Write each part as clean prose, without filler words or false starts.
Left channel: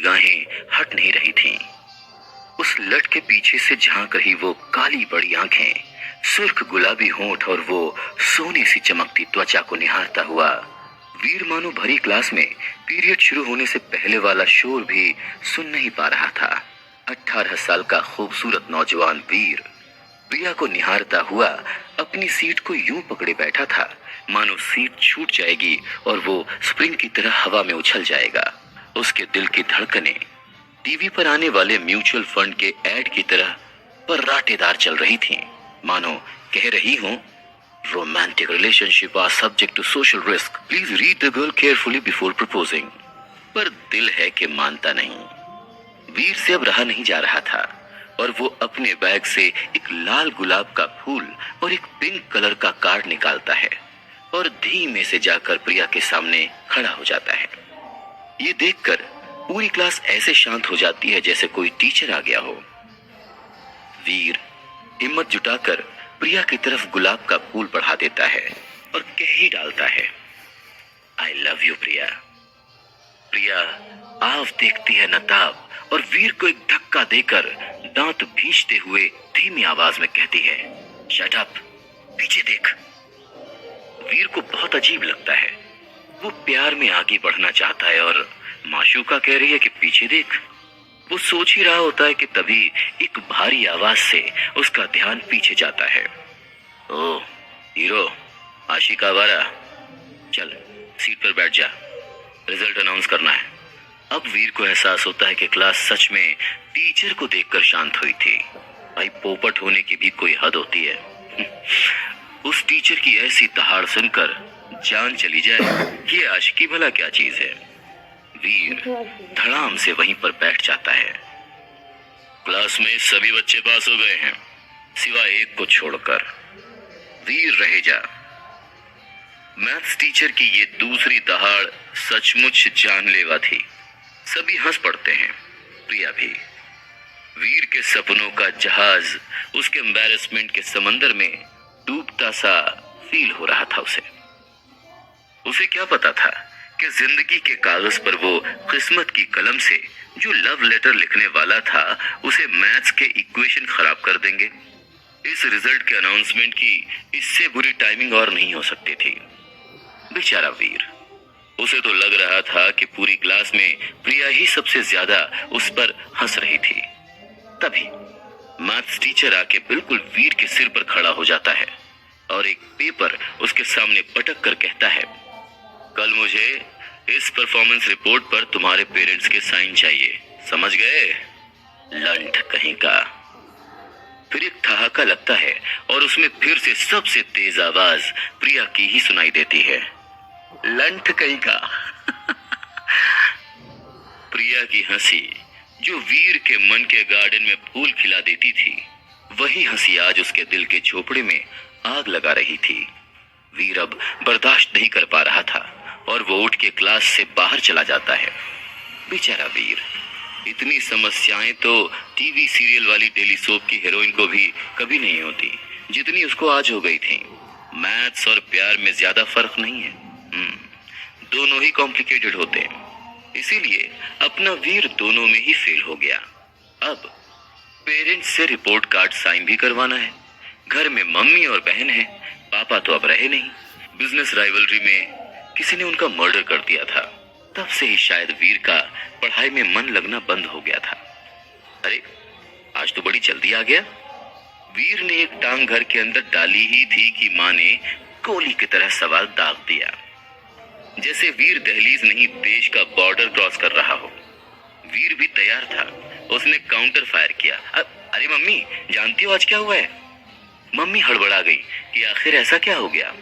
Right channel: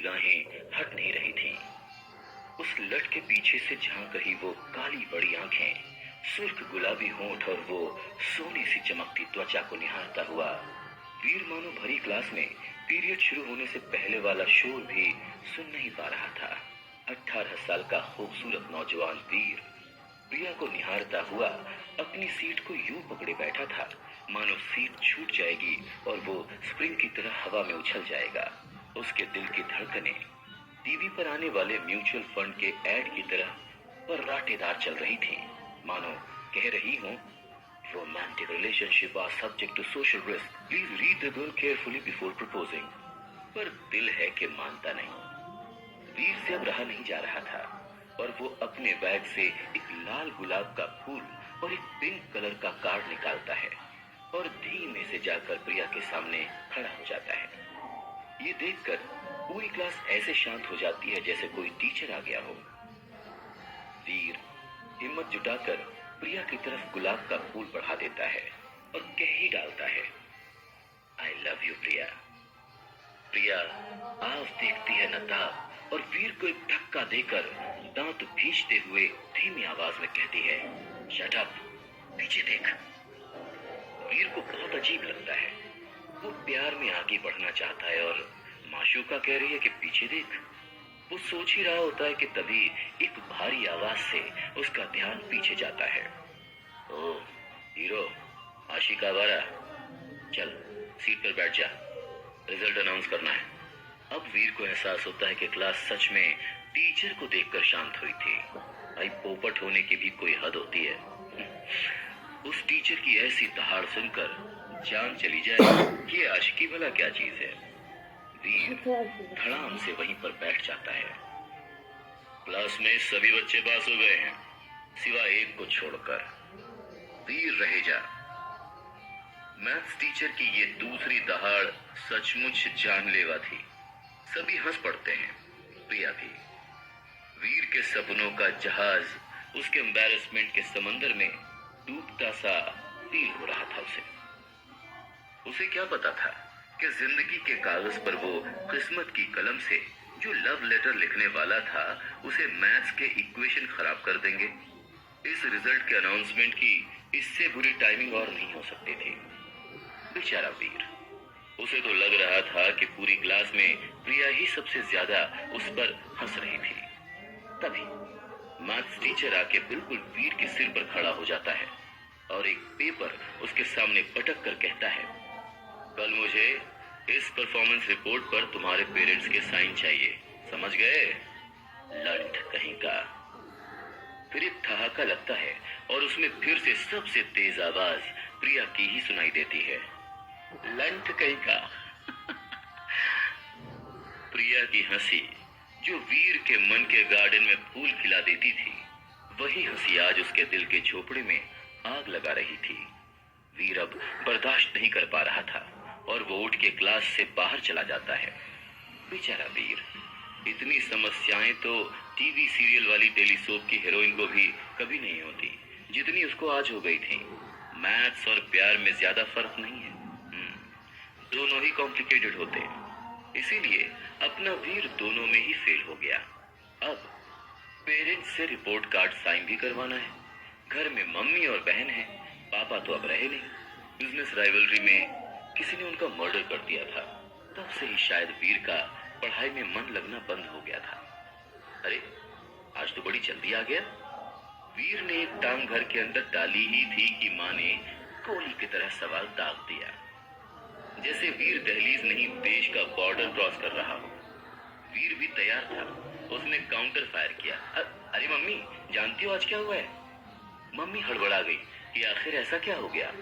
निगाहें हट नहीं रही थीं। उस लट के पीछे से झांक रही वो काली बड़ी आंखें, सुर्ख गुलाबी होंठ और वो सोने सी चमकती त्वचा को निहारता हुआ वीर मानो भरी क्लास में पीरियड शुरू होने से पहले वाला शोर भी सुन नहीं पा रहा था। 18 साल का खूबसूरत नौजवान वीर प्रिया को निहारता हुआ अपनी सीट को यूं पकड़े बैठा था मानो सीट छूट जाएगी और वो स्प्रिंग की तरह हवा में उछल जाएगा। उसके दिल की धड़कनें टीवी पर आने वाले म्यूचुअल फंड के ऐड की तरह पर्राटेदार चल रही थीं, मानो कह रही हूं, romantic relationship are subject to social risk, please read the girl carefully before proposing. पर दिल है कि मानता नहीं। वीर से अब रहा नहीं जा रहा था और वो अपने बैग से एक लाल गुलाब का फूल और एक पिंक कलर का कार्ड निकालता है और धीमे से जाकर प्रिया के सामने खड़ा हो जाता है। ये देखकर पूरी क्लास ऐसे शांत हो जाती है जैसे कोई टीचर आ गया हो। वीर हिम्मत जुटाकर प्रिया की तरफ गुलाब का फूल बढ़ा देता है और कह ही डालता है, आई लव यू प्रिया। प्रिया आव देखती है नताब और वीर को एक धक्का देकर दांत भींचते हुए धीमी आवाज में कहती है, शट अप, पीछे देख। वीर को बहुत अजीब लगता है। वो प्यार में आगे बढ़ना चाहता है और माशूका कह रही है कि पीछे देख। वो सोच ही रहा होता है कि तभी एक भारी आवाज से उसका ध्यान पीछे जाता है। ओ हीरो, आशिका आवारा, चल सीट पर बैठ जा, रिजल्ट अनाउंस करना है। अब वीर को एहसास होता है कि क्लास सच में टीचर को देखकर शांत हुई थी। भाई पोपट होने की भी कोई हद होती है। उस टीचर की ऐसी दहाड़ सुनकर जान चली जाए, ये आशिकी भला क्या चीज है। वीर धड़ाम से वहीं पर बैठ जाता है। क्लास में सभी बच्चे पास हो गए हैं सिवाय एक को छोड़कर। वीर रह जा। मैथ्स टीचर की ये दूसरी दहाड़ सचमुच जानलेवा थी। सभी हंस पड़ते हैं, प्रिया भी। वीर के सपनों का जहाज उसके एम्बैरेसमेंट के समंदर में डूबता सा फील हो रहा था। उसे क्या पता था कि जिंदगी के कागज पर वो किस्मत की कलम से जो लव लेटर लिखने वाला था उसे मैथ्स के इक्वेशन खराब कर देंगे। इस रिजल्ट के अनाउंसमेंट की इससे बुरी टाइमिंग और नहीं हो सकती थी। बेचारा वीर, उसे तो लग रहा था कि पूरी क्लास में प्रिया ही सबसे ज्यादा उस पर हंस रही थी। तभी मैथ्स टीचर आके बिल्कुल वीर के सिर पर खड़ा हो जाता है और एक पेपर उसके सामने पटक कर कहता है, कल मुझे इस परफॉर्मेंस रिपोर्ट पर तुम्हारे पेरेंट्स के साइन चाहिए, समझ गए? लंठ कहीं का। फिर एक ठहाका लगता है और उसमें फिर से सबसे तेज आवाज प्रिया की ही सुनाई देती है, लंठ कहीं का। प्रिया की हंसी जो वीर के मन के गार्डन में फूल खिला देती थी, वही हंसी आज उसके दिल के झोपड़े में आग लगा रही थी। वीर अब बर्दाश्त नहीं कर पा रहा था और वो उठ के क्लास से बाहर चला जाता है। बेचारा वीर, इतनी समस्याएं तो टीवी सीरियल वाली डेली सोप की हीरोइन को भी कभी नहीं होती जितनी उसको आज हो गई थी। मैथ्स और प्यार में ज्यादा फर्क नहीं है, दोनों ही कॉम्प्लिकेटेड होते हैं। इसीलिए अपना वीर दोनों में ही फेल हो गया। अब पेरेंट्स से रिपोर्ट कार्ड साइन भी करवाना है। घर में मम्मी और बहन है, पापा तो अब रहे नहीं। बिजनेस राइवलरी में किसी ने उनका मर्डर कर दिया था। तब से ही शायद वीर का पढ़ाई में मन लगना बंद हो गया था। अरे आज तो बड़ी जल्दी आ गया। वीर ने एक टांग घर के अंदर डाली ही थी कि माँ ने गोली की तरह सवाल दाग दिया, जैसे वीर दहलीज नहीं देश का बॉर्डर क्रॉस कर रहा हो। वीर भी तैयार था। उसने काउंटर फायर किया, अरे मम्मी जानती हो आज क्या हुआ है? मम्मी हड़बड़ा गई कि आखिर ऐसा क्या हो गया।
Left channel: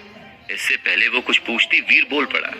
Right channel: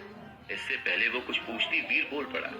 इससे पहले वो कुछ पूछती वीर बोल पड़ा,